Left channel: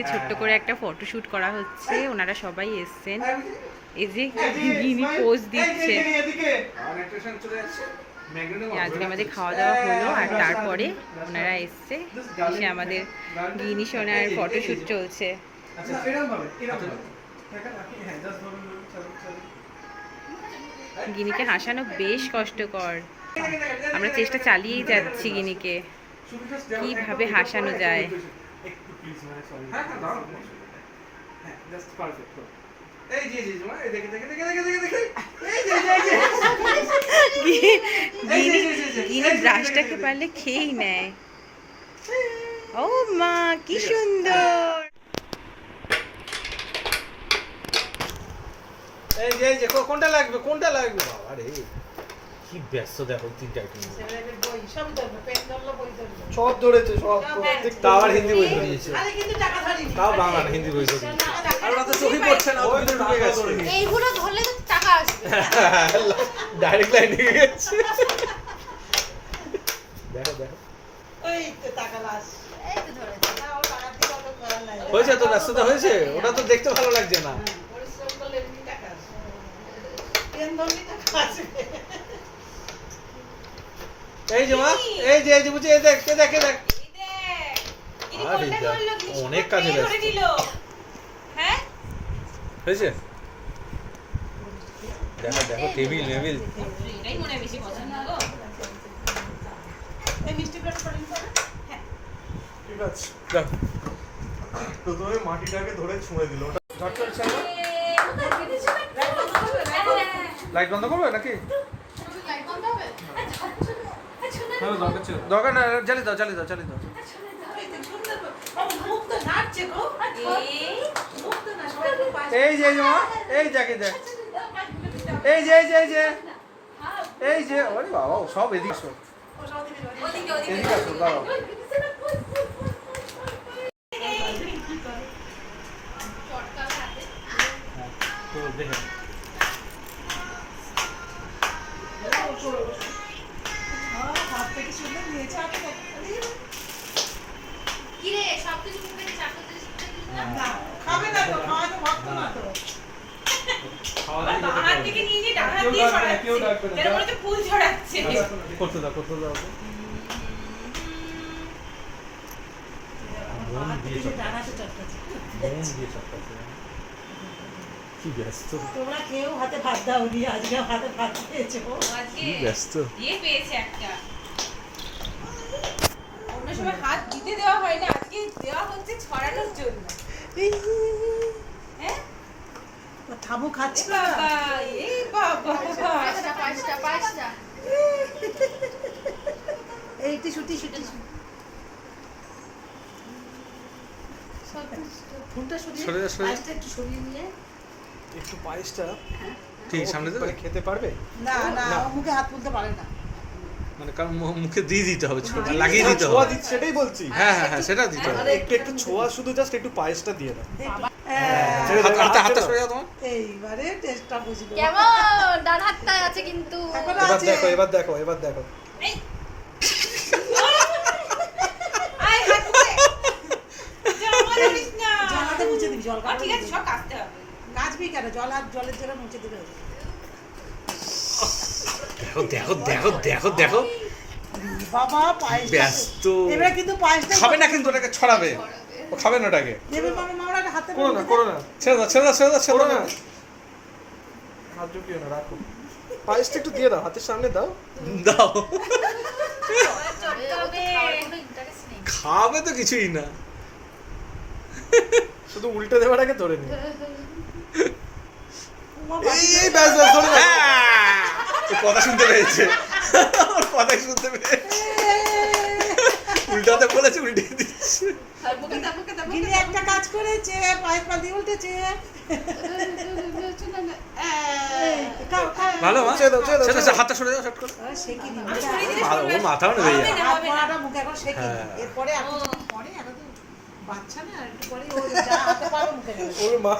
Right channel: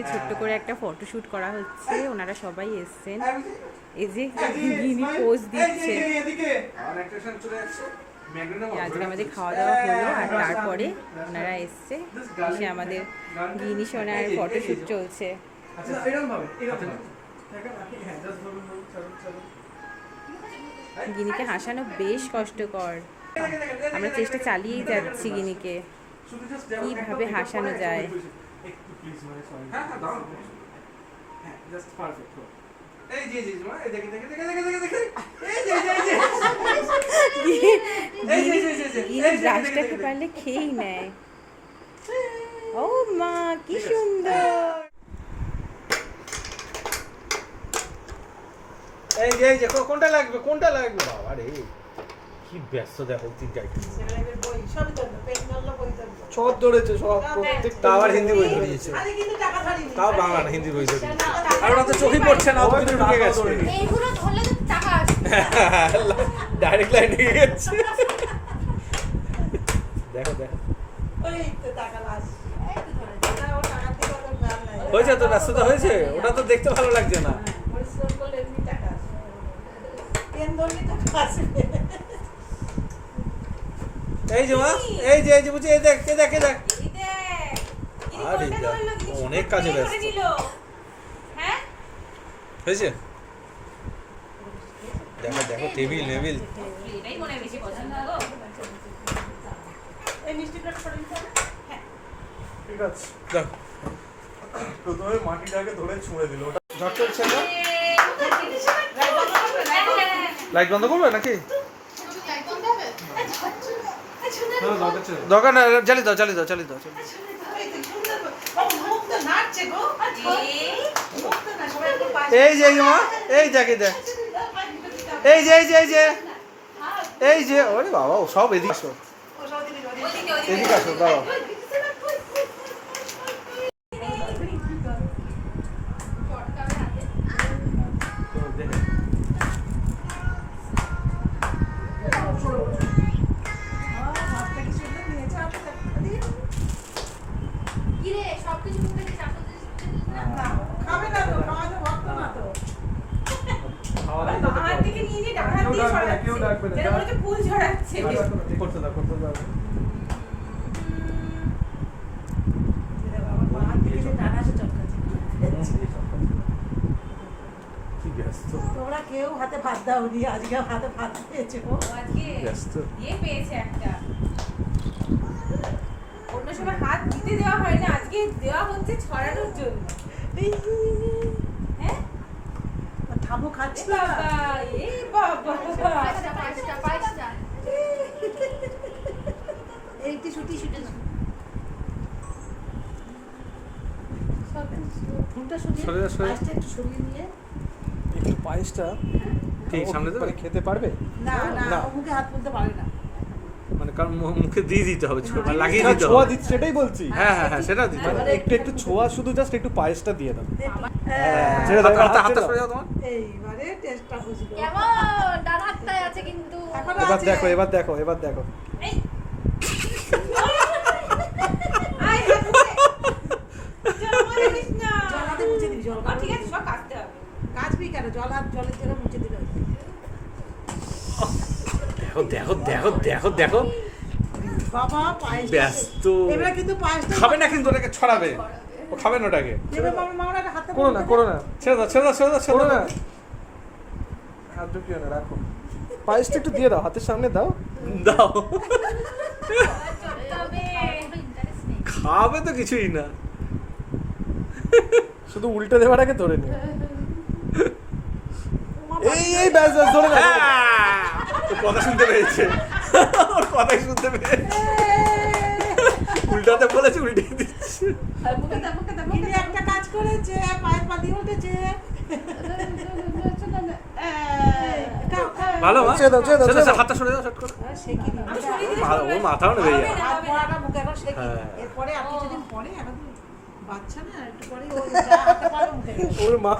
আজকে ছোট্ট করে একটা ফটোশ্যুট করা হচ্ছে, ওনারা সবাই এসছেন। এই যে গিনি পোজ দিচ্ছে। আজকে আমাদের খাওয়া দাওয়া হলো আর তারপরে ওনারা এসছে, এসে আমাদের গিনি সোনার ফটোশ্যুট চলছে। গিনিকে হাসানো বেশ কষ্টকর, আমরা চেষ্টা চালিয়েই যাচ্ছি গিনিকে কিভাবে হাসানো যায়। গিনি ব্রাশটাকে পারলে খেয়েই নেয়। ও মা কি সুন্দর। এই যে কোনটা লাগবে বাবা রে কি ব্যস্ত দেখো তিনটা আইটেম সব ধরেছে সব তাও আবার হিন্দি বই ধরিয়েছে তাও বাংলা না হিন্দি বই ধরিয়েছে আর ওরা তো চোখই পড়ছে না ভিতরে ঢুকে গেছে এইগুলো ধরলে তো টাকা আসবে ডাইরেক্ট লাইন ঢুকে গেছে দেখো এই তো টাকা লাস এই তো ধরে ও টাকা দিয়ে তো ভালো লাগে হয়েছে তো ব্যস্ততা হয়েছে ওটা তো দেখতে ভালো লাগছে না পরিশ্রম করলে এমনি টাকা আসে পেন ধরলে টাকা আসবে এই যে মা এই যে বুঝি এই দেখ আরে অনেক কাজে ব্যস্ত হ্যাঁ হয়েছে দেখো টেবিল এটাই মনে বেশি পছন্দ গো। এই মিষ্টি প্লেট করে নিতে হবে ঠিক আছে দেখো প্রথমে মাটিটাকে ধরে ছুঁড়ে দিল ঝড় চলছে না লাইট বন্ধ করবে নাকি লাইট বন্ধ হবে হ্যাঁ দরকার ছিল দরকার না জ্বালিয়ে দাও এই তো সুন্দর ও মুখ তো নাচছে গো মুখ তো না সবাই একটু পাশে এই যে মা এই দেখে দেখ এই যে ওরে বাবা ও সব এদিকে আসো এদিকে আসো বাবা কি রে সবকিছু মুখে দিয়ে চাপ করতে খাবে না তো খাওয়া তো ভক্ত না তো হাত থেকে নিয়ে যে ডান হাত কেউ দিয়ে ডাকবে না, কেউ ডাকবে না। যেন মনে হচ্ছে ফুল ছড়াচ্ছে। করতে দাও হাত থেকে যে ডানা সে চটকাচ্ছে কি ব্যস্ত তোমরা কেউ হাতে ভাত দাও নি আজকে হাতে ভাত খেয়েছে গো আজকে ব্যস্ত দিয়ে পেয়েছে একটা। অন্য সময় হাত দিতে দেওয়া হয় না, আজকে দেওয়া হচ্ছে ছড়ানোর জন্য। হ্যাঁ ঠামু খাচ্ছে এ না বাবা এ বাবা পাঁচটা এই টিস্যু ফুলটা সরে যা, সরে যা। পায়েসটা একটু সরিয়ে নিয়ে এই পায়েসটা ঠিক সামনে দেবে খেতে পারবে না ও মুখে হাত তুলতে পারে না মানে কারণ মুখে দিয়ে দিতে হবে ছোট লাগিয়ে দিতে ছোঁয়া হবে দিতে সেটাই বলছি হ্যাঁ সেটা দিতে হবে একটু ছোঁয়া শুধু জাস্ট একটু পায়েসটা দিয়ে দাও হাতটা সরে যাও তোমার এইবারে টেস্টটা বুঝলো কেমন ডান হাতটা আছে কিন্তু এখনো এবার আছে দেখো এবার দেখো আই হাত মুখে জমা দিস না। জল হাতে মুছে দিবি জল ঠিক আছে সব কাটতে হবে। কাচবি কেন জলের জন্য মুছে দিবি দেখো বাবা পায়েস ব্যস্ত এবারে কিন্তু পায়েসটা খাবে না কিন্তু ওটাকে ছড়াবে ও খাবে না ওটাকে দেবে মামা হাতে করো না ছেড়ে দাও না হাত ঢুকিও না রাখো পায়েসটা একটু দিয়ে দাও হাতের সামনে দাও দাও চটকাবে ইন্টারেস্ট নেই খাবে তো কিছুই না শুধু উল্টে দেওয়াটাকে ধরে নিও এই ব্যাস ধরে নাও। হ্যাঁ, ওর কথা শুনতে পেয়েছে ওর কথাই শুনতে পেয়েছে উল্টাতে বলেছে উল্টে দিচ্ছে কিন্তু একটা কাজ করেছে পায়েস পা দিয়ে উঠেছে ভালো মা ছেড়ে দাও, হাতটা সরে দাও শর্ট করে সে কি দিবি ওর মাথাও নেবে হবে না, হবে না। মুখে এখন সে কি হ্যাঁ। এরপরে আর কিছুদিন পরে এখন তো বাচ্চা না একটু পরে ও যা হাতে পারো মুখে দেবে ওর মা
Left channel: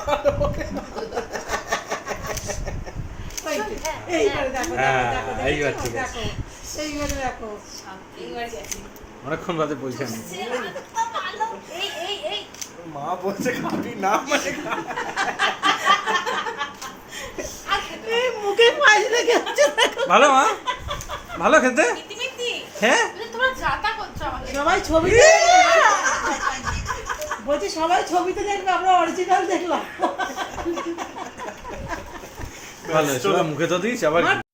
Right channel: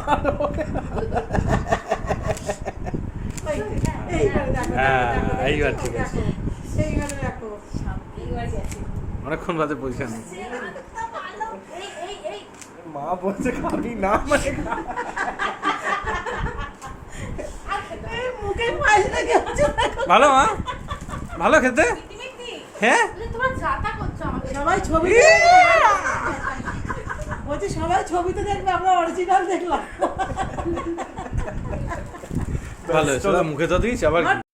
এইবারে দেখো হ্যাঁ, এইবার ঠিক আছে। এইবারে দেখো এইবার গেছে। অনেকক্ষণ বাদে পয়সা নেই এই মা বলছে খাবি না মানে এই মুখে পায়েস লেগে আছে দেখো। ভালো মা, ভালো খেতে। ইতিমিতি হ্যাঁ তোমরা যাতা করছো আমাদের সবাই ছবি বলছি সবাই ছবিতে দেখবে, আমরা অরিজিনাল দেখলাম। ভালো, সবাই মুখে তো দিস আবার কি।